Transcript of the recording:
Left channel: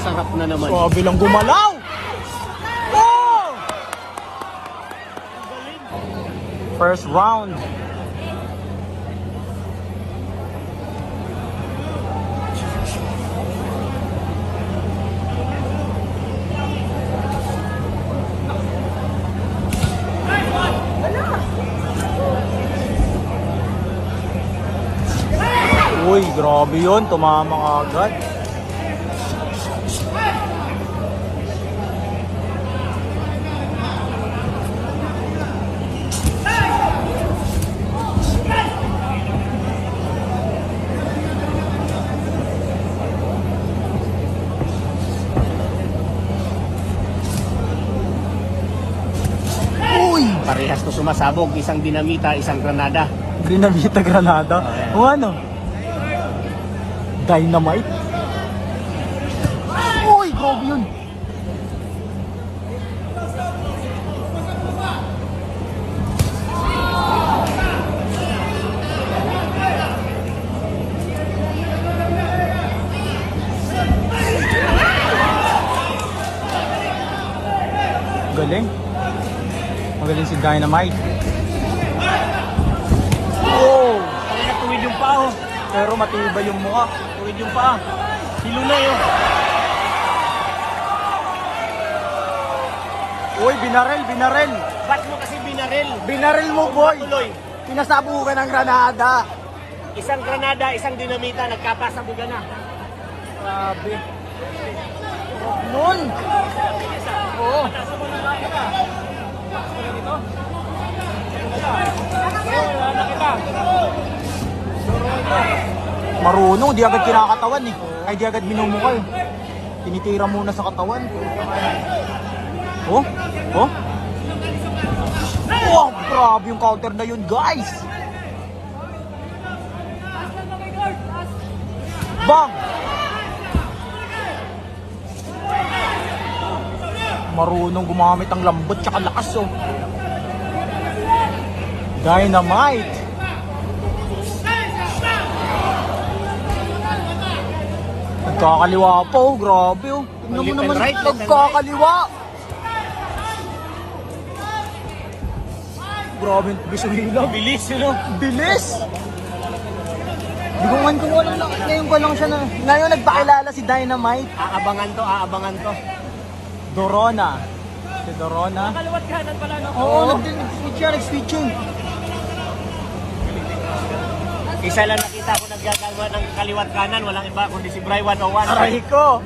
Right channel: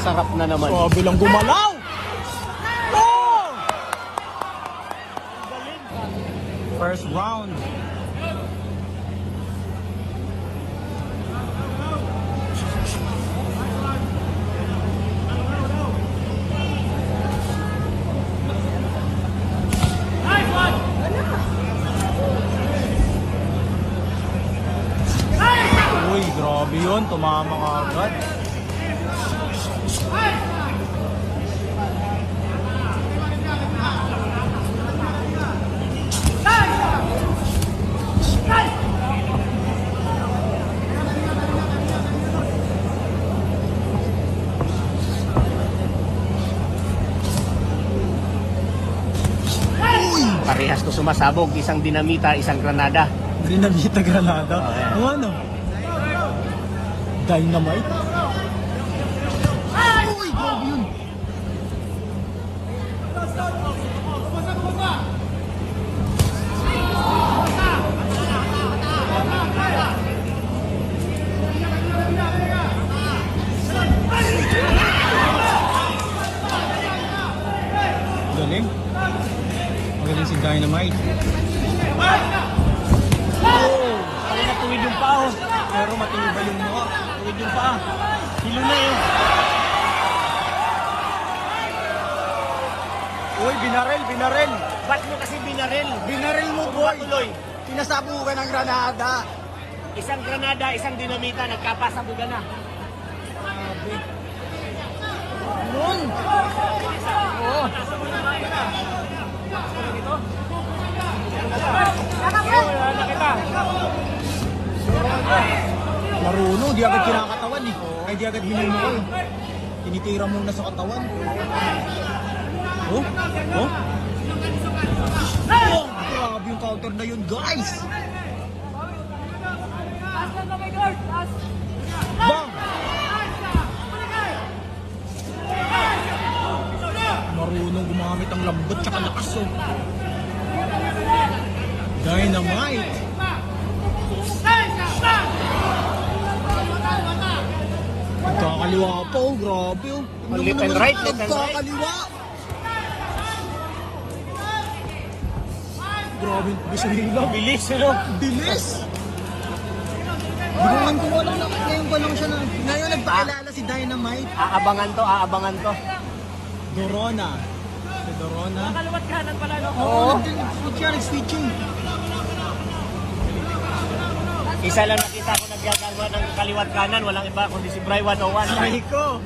Sarap na naman. Sabi lang gumalaw. Oh! First round. Uy, grabe yun. Tumama ka agad. Parehas to sumasabog. Isang dinamita, isang granada. Dinamita Granada. O ano? Dynamite? Uy, grabe yun. Galing. Magaling si Dynamite. Oh! Ay, natuwid yung paa oh. Pero matibay yung mukha. Tuwid yung paa. Hilo na yun. Uy, binarel, binarel. Ba't mo kasi binaril? Binarel mo, boy. Tuloy. Pinasabo ka ng granada. Isang granada, isang dinamita. Nagkapasabugan na. Grabe. Nun. Oo. Marunong, di agad kinakatawan eh. Ay, di agad minumukha eh. Tinitira muna sa katawan. Oh? Oh? Oh, grabe yung counter na yun, guys! Bang! Marunong gumamit ang lambot tsaka lakas oh. Dynamite! Nagkakaliwa pa oh, grabe oh. Tingnan mo Left and naman, right, left and nagkakaliwa! Grabe, bisuhila. Bilis, ano? Bilis! Di ko man kung wala lang. Ngayon ko lang siya na. Ngayon nagpakilala si Dynamite. Aabangan to, aabangan to. Dorona. Si Dorona. Kaliwat kanan pala, no? Oo, nag-switching. Isa lang nakita ko naggagawa ng kaliwat kanan. Walang iba kundi si Bray 101. Aray ko!